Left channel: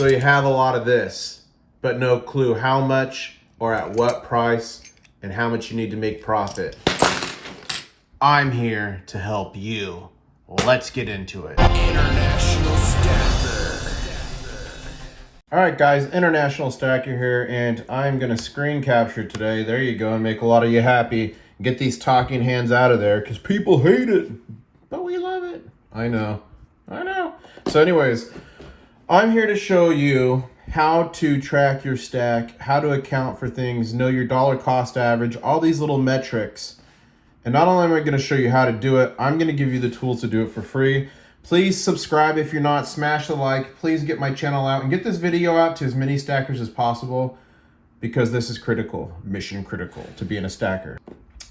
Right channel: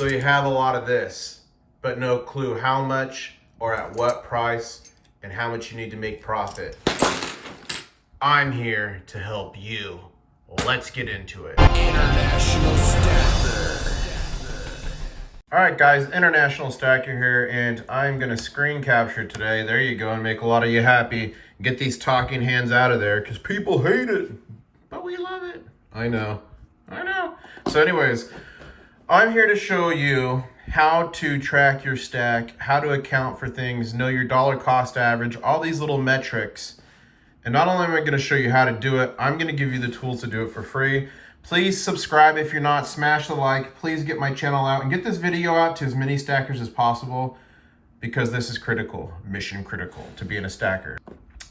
So you have a lot of this, but no clue how much or at what price and how much you need to make profit. I'm here to help you. Let's get into it. International Stacker. All right, guys, International Stacker here, and I'm gonna screen capture today. There you go, and make a lot of you happy. Get these talking hands out of there, because people hate it, but we love it. I know. So anyways, I'm here to show you how to track your stack, how to account for things, know your dollar cost average, all these little metrics. And not only am I gonna show you how to do it, I'm gonna give you the tools to do it for free. Please subscribe if you're not, smash the like, please get my channel out and get this video out to as many stackers as possible, because this is critical, mission critical to being a stacker.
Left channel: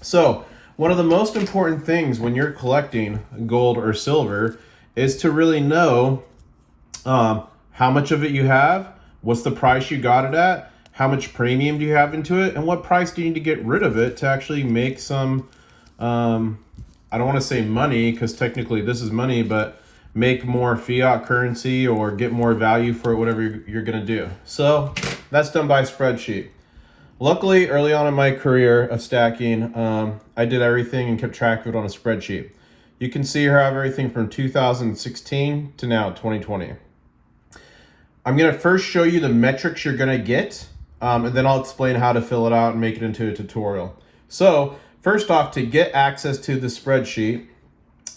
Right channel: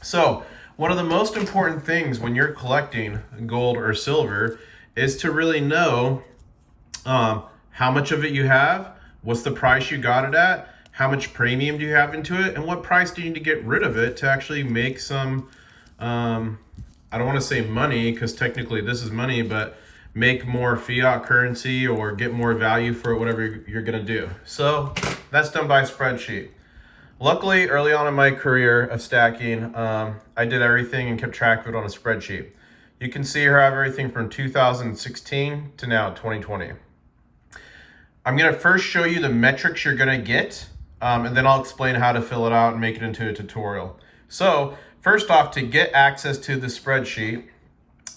So one of the most important things when you're collecting gold or silver is to really know how much of it you have, what's the price you got it at, how much premium do you have into it, and what price do you need to get rid of it to actually make some, I don't want to say money, because technically this is money, but make more fiat currency or get more value for whatever you're going to do. So that's done by spreadsheet. Luckily, early on in my career of stacking, I did everything and kept track of it on a spreadsheet. You can see here I have everything from 2016 to now 2020. I'm going to first show you the metrics you're going to get, and then I'll explain how to fill it out and make it into a tutorial. So first off, to get access to the spreadsheet,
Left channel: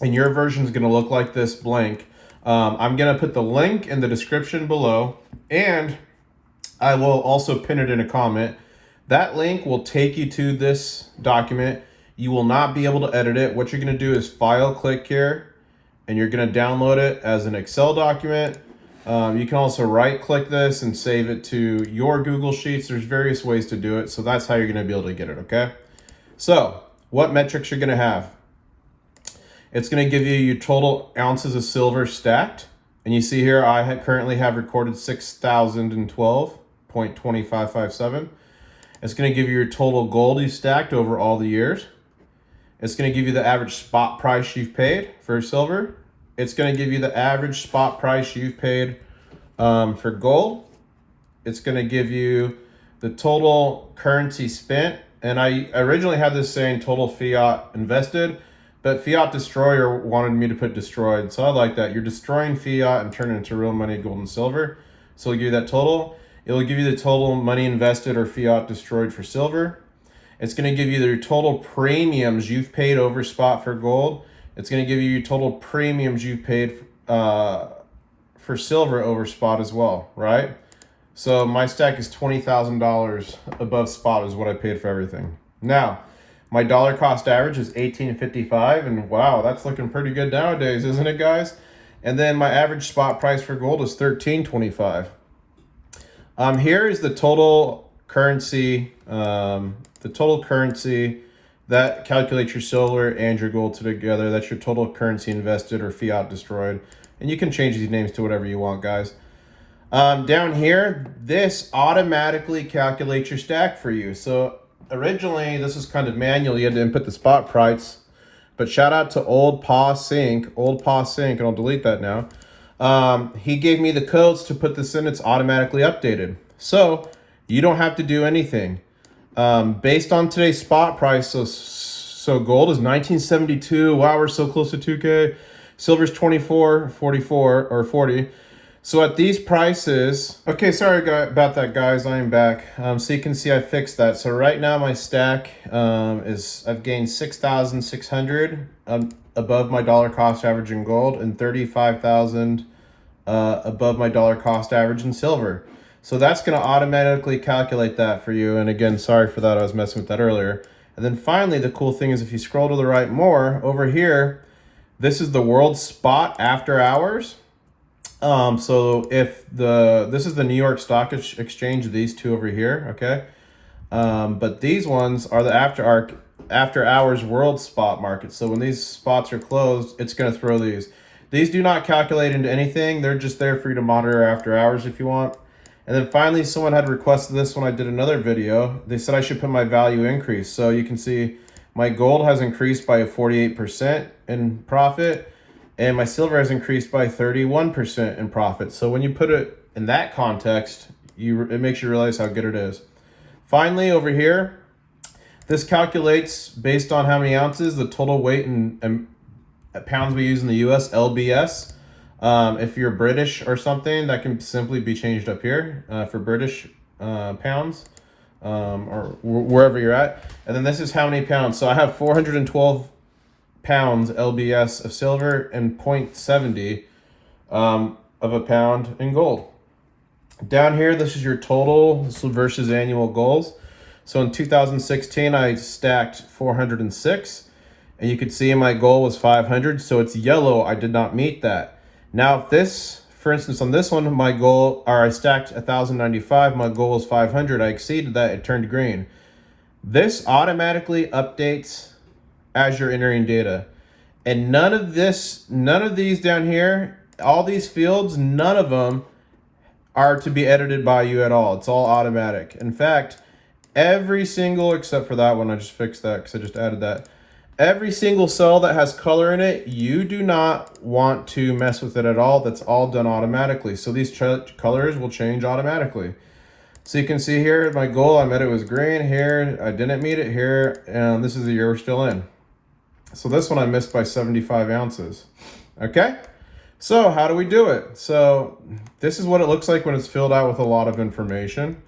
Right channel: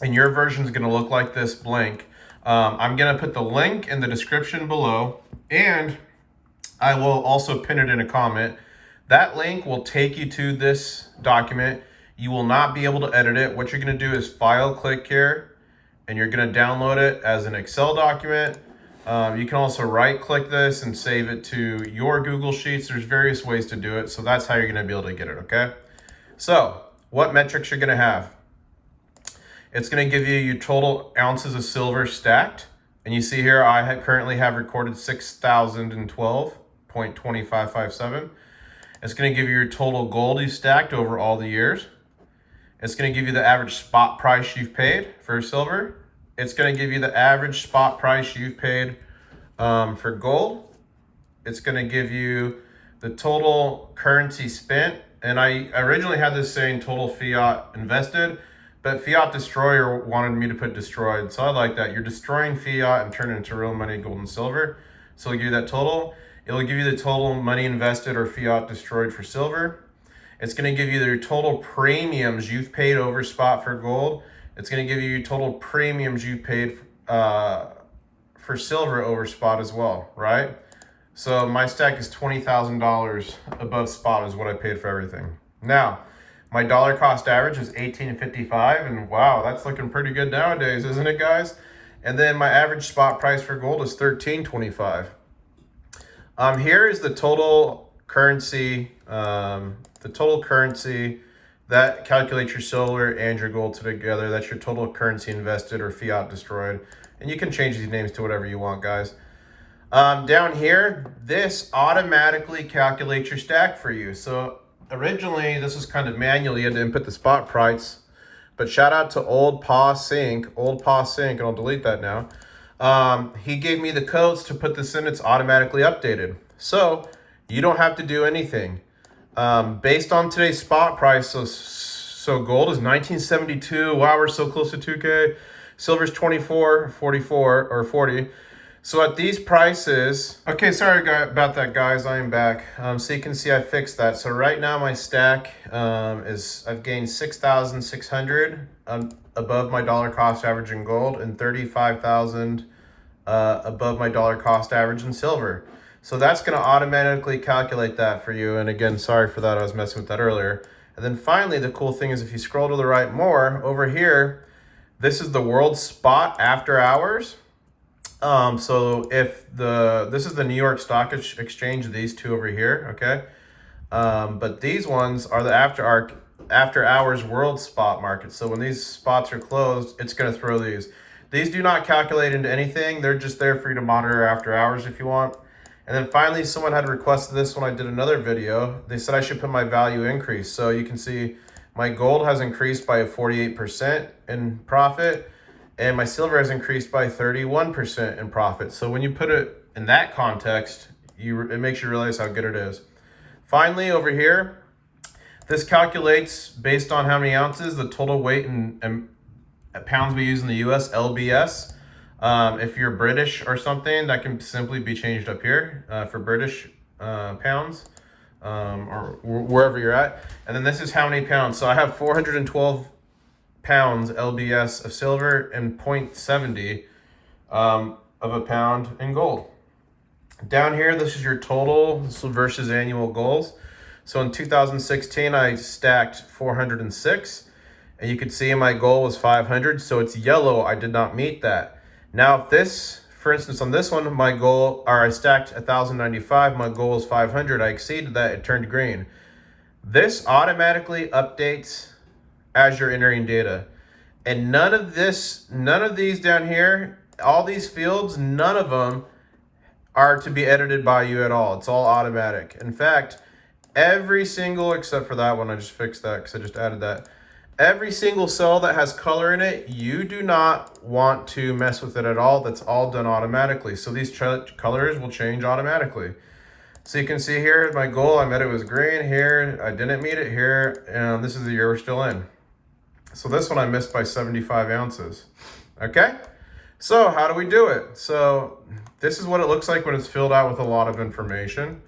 and your version is going to look like this blank, I'm going to put the link in the description below, and I will also pin it in a comment. That link will take you to this document. You will not be able to edit it. What you're going to do is file click here, and you're going to download it as an Excel document. You can also right click this and save it to your Google Sheets. There's various ways to do it. So that's how you're going to be able to get it. Okay. So what metrics you're going to have? It's going to give you your total ounces of silver stacked. And you see here, I currently have recorded 6,012.2557. It's going to give you your total gold you stacked over all the years. It's going to give you the average spot price you've paid for silver. It's going to give you the average spot price you've paid for gold. It's going to give you the total currency spent. And I originally had this saying total fiat invested, but Fiat Destroyer wanted me to put destroyed. So I like that. You're destroying fiat and turning it into real money, gold and silver. So it'll give you that total. It'll give you the total money invested or fiat destroyed for silver. It's going to give you your total premiums you've paid over spot for gold. It's going to give you your total premiums you've paid for silver over spot as well, right? So my stack is $20,000 above spot is what I paid for everything. Now, my dollar cost average is $18.55, and wow, that's looking pretty good nowadays, isn't it, guys? And then my average spot price for gold is $13.25. Here is the total currency, that calculates your silver and your gold together. That's your total currency invested or fiat destroyed. And you can change these names to whatever you want, guys. Down here, this automatically calculates your stack for you. So originally, this was kind of manual. You had to input the spot price. But shout out to Old Pa Sync, and I'll delete that now. He gave me the codes to put this in. It's automatically updated. So you don't have to do anything. Based on today's spot price, so gold is 1972. Wow, we're so close to 2K. Silver's 24.44 or 40. So at these prices, okay, sorry about that, guys. I'm back. So you can see I fixed that. So right now my stack I've gained 6,600 above my dollar cost average in gold and 35,000 above my dollar cost average in silver. So that's going to automatically calculate that for you. And again, sorry for that. I was messing with that earlier. And then finally, the cool thing is if you scroll to the right more, over here, this is the world spot after hours. So if this is the New York Stock Exchange, these two over here, okay? But these ones are the after hours world spot market. So when these spots are closed, it's going to throw these. These do not calculate into anything. They're just there for you to monitor after hours if you want. And then finally, someone had requested this when I did another video. They said I should put my value increase. So you can see my gold has increased by 48% in profit, and my silver has increased by 31% in profit. So when you put it in that context, it makes you realize how good it is. Finally, over here, this calculates based on how many ounces, the total weight and pounds we use in the US, LBS. If you're British or something, that can simply be changed up here for British pounds or wherever you're at. And then this is how many pounds. So I have 412 pounds LBS of silver and 0.70 of a pound in gold. Down here, this is your total versus annual goals. So in 2016, I stacked 406, and you could see my goal was 500. So it's yellow. I did not meet that. Now, if this, for instance, on this one, my goal, or I stacked 1,095, my goal was 500. I exceeded that. It turned green. This automatically updates as you're entering data, and none of these down here, all these fields, none of them are to be edited by you at all. It's all automatic. In fact, every single, except for that one, I just fixed that because I just added that. Every single cell that has color in it, you do not want to mess with it at all. That's all done automatically. So these colors will change automatically. So you can see here, my goal, I met it was green. Here, I didn't meet it here. And this is the year we're still in. So this one I missed by 75 ounces. Okay? So how do we do it? So this is what it looks like when it's filled out with a lot of information.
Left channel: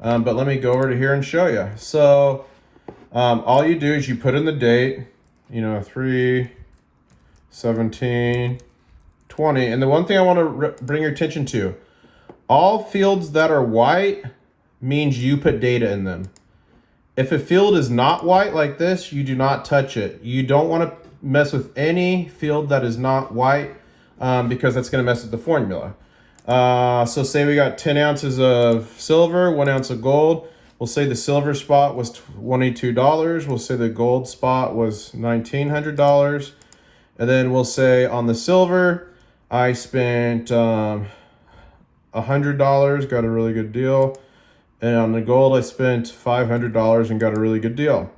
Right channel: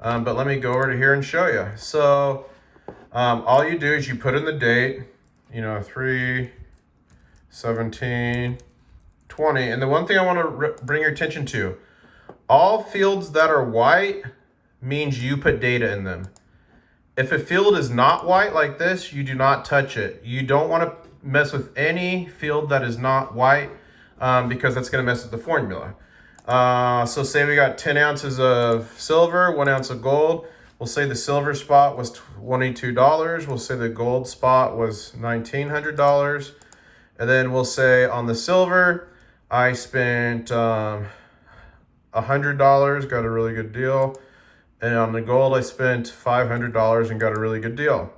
But let me go over to here and show you. So all you do is you put in the date, 3/17/20. And the one thing I want to bring your attention to, all fields that are white means you put data in them. If a field is not white like this, you do not touch it. You don't want to mess with any field that is not white because that's going to mess with the formula. So say we got 10 ounces of silver, 1 ounce of gold. We'll say the silver spot was $22. We'll say the gold spot was $1,900. And then we'll say on the silver, I spent $100, got a really good deal. And on the gold, I spent $500 and got a really good deal.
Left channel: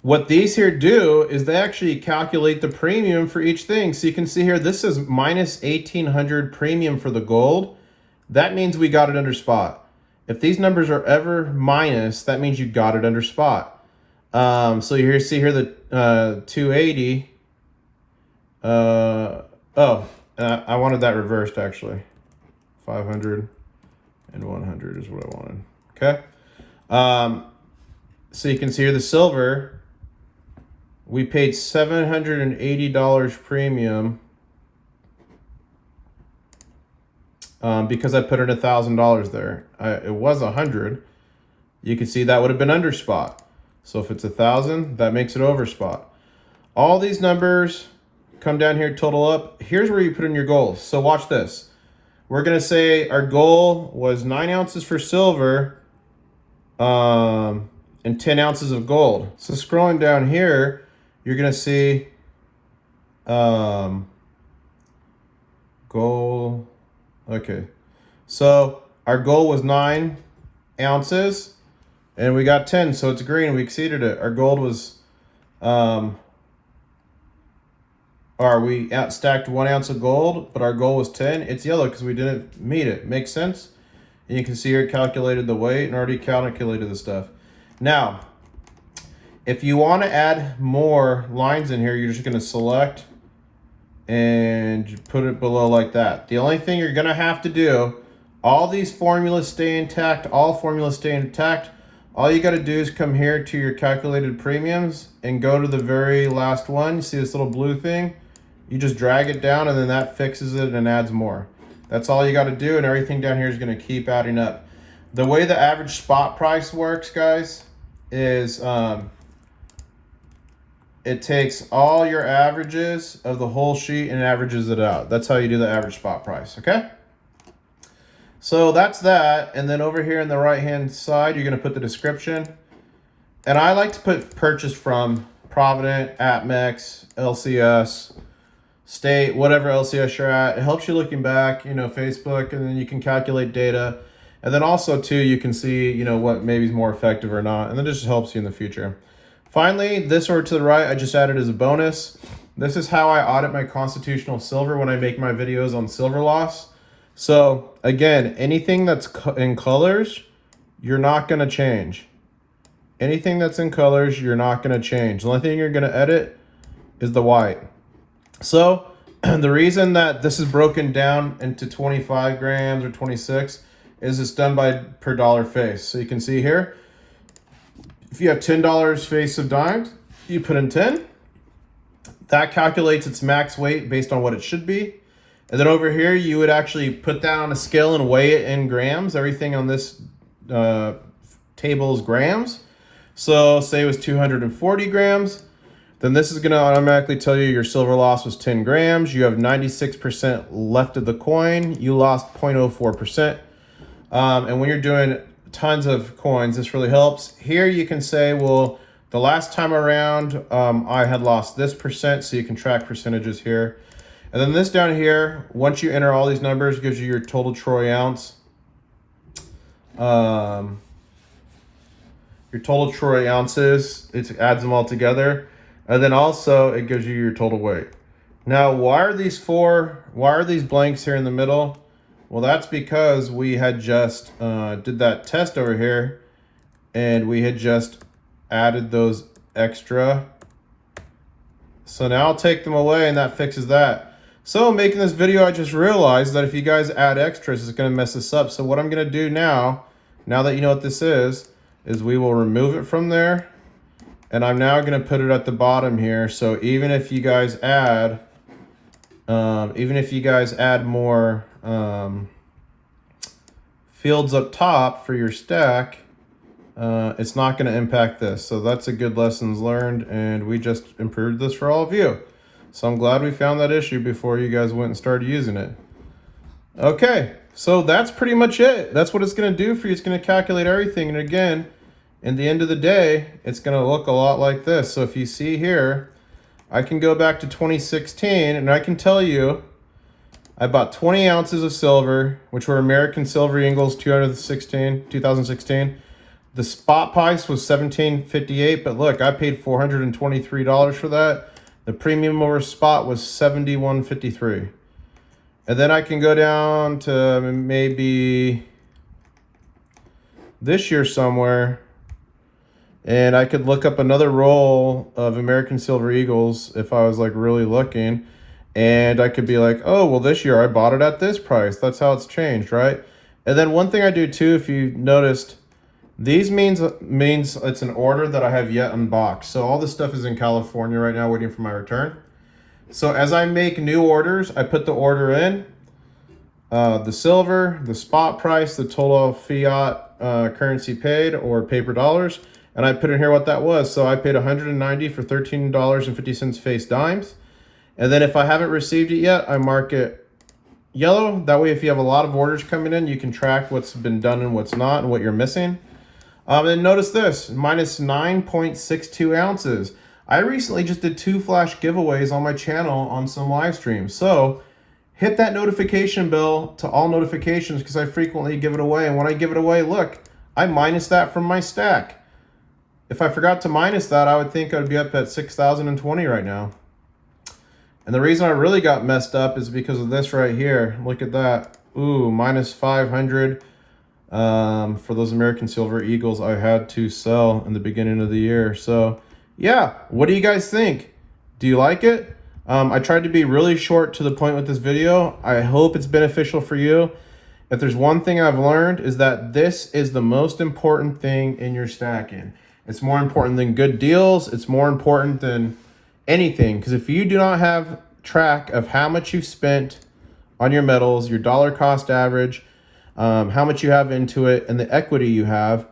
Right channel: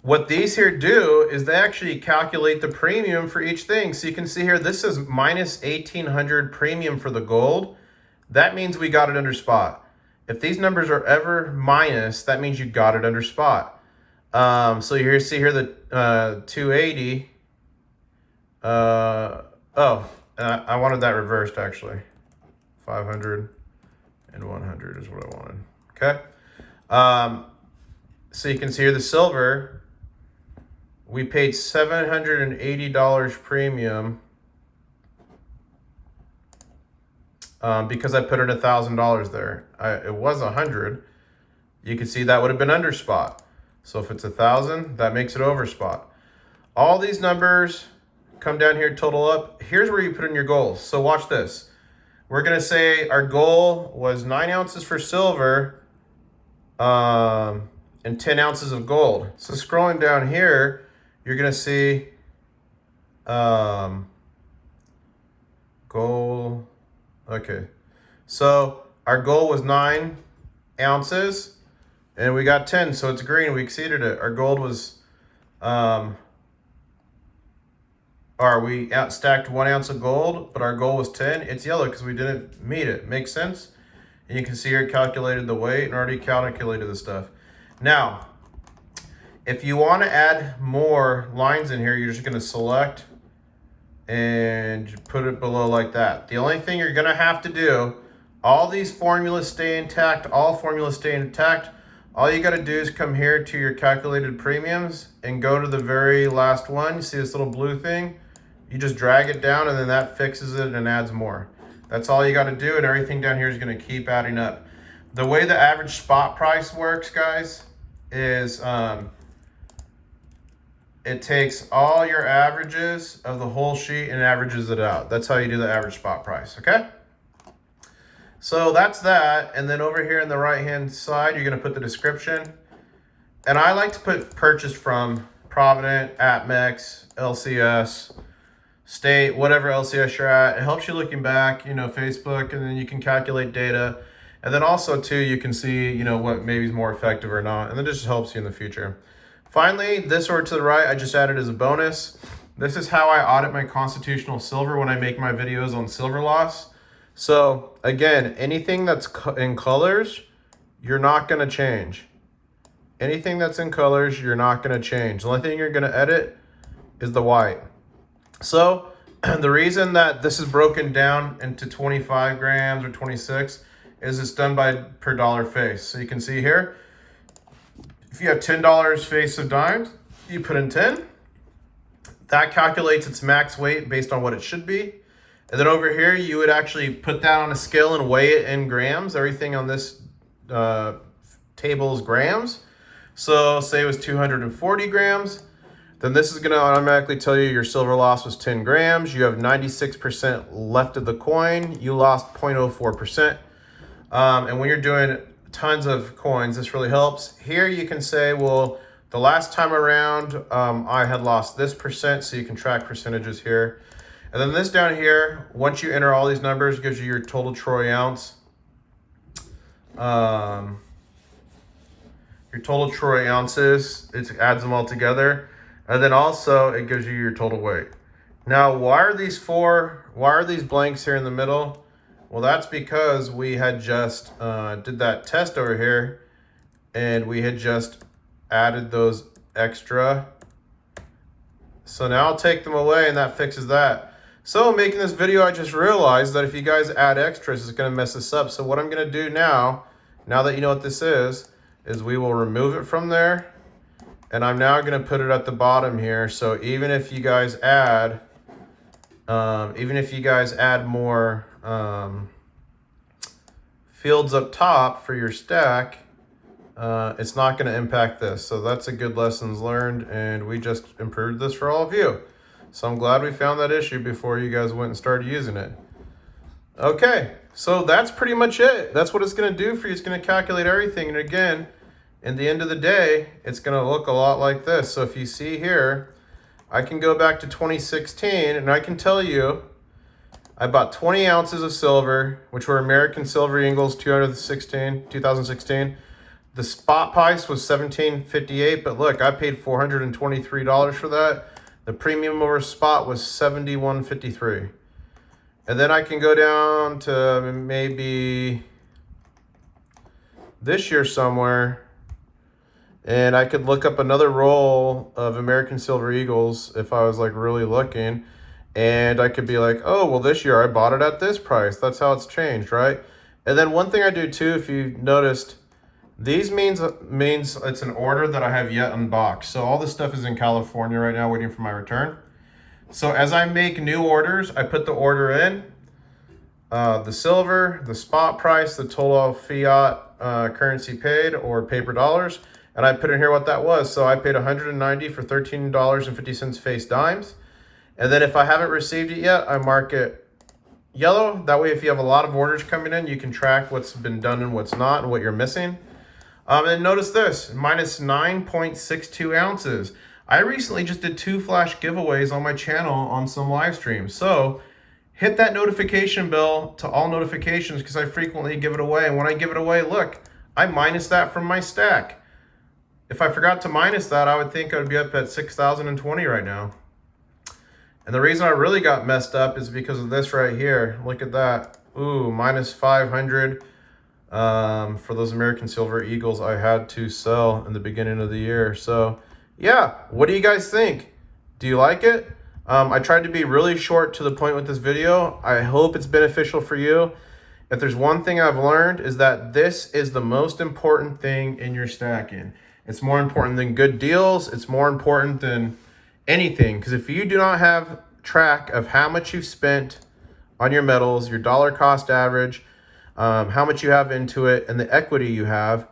What these here do is they actually calculate the premium for each thing. So you can see here, this is minus 1,800 premium for the gold. That means we got it under spot. If these numbers are ever minus, that means you got it under spot. So you see here the 280. I wanted that reversed actually. 500 and 100 is what I wanted. Okay. So you can see here the silver, we paid $780 premium because I put in $1,000 there. It was 100. You can see that would have been under spot. So if it's 1,000, that makes it over spot. All these numbers come down here, total up. Here's where you put in your goals. So watch this. We're gonna say our goal was 9 ounces for silver and 10 ounces of gold. So scrolling down here, you're gonna see goal. Okay, so our goal was 9 ounces and we got 10, so it's green, we exceeded it. Our gold was we stacked 1 ounce of gold, but our goal was 10. It's yellow because we didn't meet it. Makes sense? And you can see here it calculated the weight and already calculated the stuff. Now, if you want to add more lines in here, you're just going to select and put it below like that. The only thing you're going to have to do, all these formulas stay intact, all formulas stay intact. All you got to do is come here to your calculated premiums and go to the very last one. You see this little blue thing? You just drag it down and then that fixes it and adds more. That's all you got to do, and everything down here is going to keep adding up. The way the average spot price works, guys, is it takes all your averages of the whole sheet and averages it out. That's how you do the average spot price, okay? So that's that, and then over here in the right-hand side, you're going to put the description. And I like to put purchase from, Provident, APMEX, LCS, State, whatever LCS you're at. It helps you looking back, Facebook, and then you can calculate data. And then also, too, you can see, what maybe is more effective or not, and then it just helps you in the future. Finally, this over to the right, I just added as a bonus. This is how I audit my constitutional silver when I make my videos on silver loss. So again, anything that's in colors, you're not going to change. Anything that's in colors, you're not going to change. The only thing you're going to edit is the white. So the reason that this is broken down into 25 grams or 26 is it's done by per dollar face. So you can see here, if you have $10 face of dimes, you put in 10. That calculates its max weight based on what it should be. And then over here, you would actually put that on a scale and weigh it in grams. Everything on this table is grams. So say it was 240 grams. Then this is going to automatically tell you your silver loss was 10 grams. You have 96% left of the coin. You lost 0.04%. And when you're doing tons of coins, this really helps. Here you can say, well, the last time around, I had lost this percent, so you can track percentages here. And then this down here, once you enter all these numbers, gives you your total troy ounce. Your total troy ounces, it adds them all together. And then also it gives you your total weight. Now, why are these blanks here in the middle? Well, that's because we had just did that test over here, and we had just added those extra. So now I'll take them away, and that fixes that. So making this video, I just realized that if you guys add extras, it's going to mess this up. So what I'm going to do now that you know what this is we will remove it from there. And I'm now going to put it at the bottom here. So even if you guys add, more fields up top for your stack, it's not going to impact this. So that's a good lessons learned, and we just improved this for all of you. So I'm glad we found that issue before you guys went and started using it. Okay, so that's pretty much it. That's what it's going to do for you. It's going to calculate everything. And again, in the end of the day, it's going to look a lot like this. So if you see here, I can go back to 2016, and I can tell you I bought 20 ounces of silver, which were American Silver Eagles 2016. The spot price was $17.58, but look, I paid $423 for that. The premium over spot was $71.53. And then I can go down to maybe this year somewhere, and I could look up another roll of American Silver Eagles if I was like really looking, and I could be like, oh, well, this year I bought it at this price. That's how it's changed, right? And then one thing I do too, if you noticed, these means it's an order that I have yet unboxed. So all this stuff is in California right now waiting for my return. So as I make new orders, I put the order in, the silver, the spot price, the total fiat currency paid or paper dollars, and I put in here what that was. So I paid $190 for $13.50 face dimes. And then if I haven't received it yet, I mark it yellow. That way, if you have a lot of orders coming in, you can track what's been done and what's not and what you're missing. And notice this, minus 9.62 ounces. I recently just did 2 flash giveaways on my channel on some live streams. So hit that notification bell to all notifications, because I frequently give it away. And when I give it away, look, I minus that from my stack. If I forgot to minus that, I would think I would be up at 6,020 right now. And the reason I really got messed up is because of this right here. Look at that. Ooh, minus 500 for those American Silver Eagles I had to sell in the beginning of the year. So yeah, what do you guys think? Do you like it? I tried to be really short to the point with this video. I hope it's beneficial for you. If there's one thing I've learned, is that this is the most important thing in your stacking. It's more important than good deals. It's more important than anything, because if you do not have track of how much you've spent on your metals, your dollar cost average, how much you have into it, and the equity you have,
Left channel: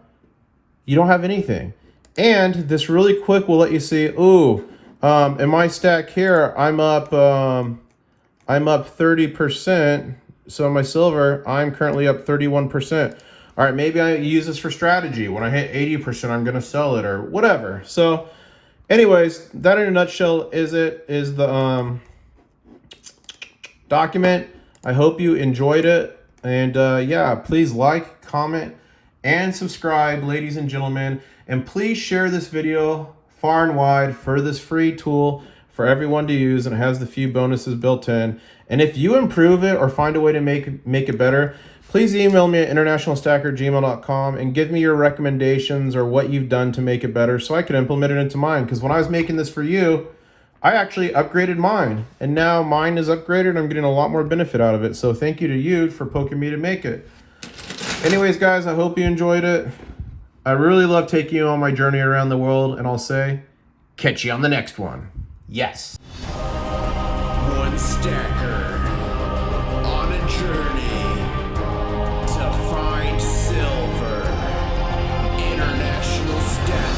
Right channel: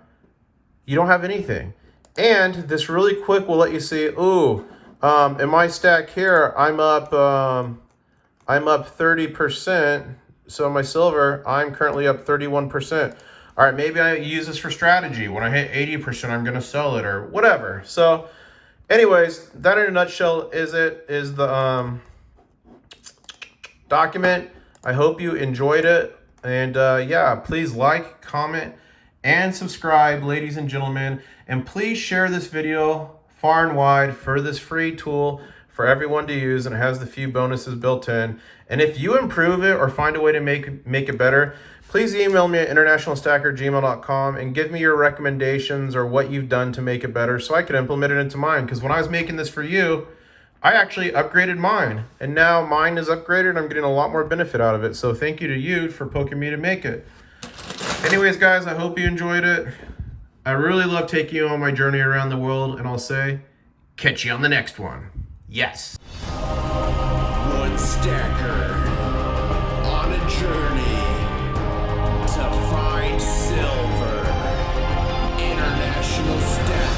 you don't have anything. And this really quick will let you see, ooh, in my stack here, I'm up 30%. So in my silver, I'm currently up 31%. All right, maybe I use this for strategy. When I hit 80%, I'm gonna sell it or whatever. So anyways, that in a nutshell is the document. I hope you enjoyed it. And yeah, please like, comment, and subscribe, ladies and gentlemen. And please share this video far and wide for this free tool for everyone to use, and it has the few bonuses built in. And if you improve it or find a way to make it better, please email me at internationalstacker@gmail.com and give me your recommendations or what you've done to make it better so I can implement it into mine. Because when I was making this for you, I actually upgraded mine, and now mine is upgraded and I'm getting a lot more benefit out of it. So thank you to you for poking me to make it. Anyways, guys, I hope you enjoyed it. I really love taking you on my journey around the world, and I'll say, catch you on the next one. Yes. One stacker on a journey to find silver. International Stacker.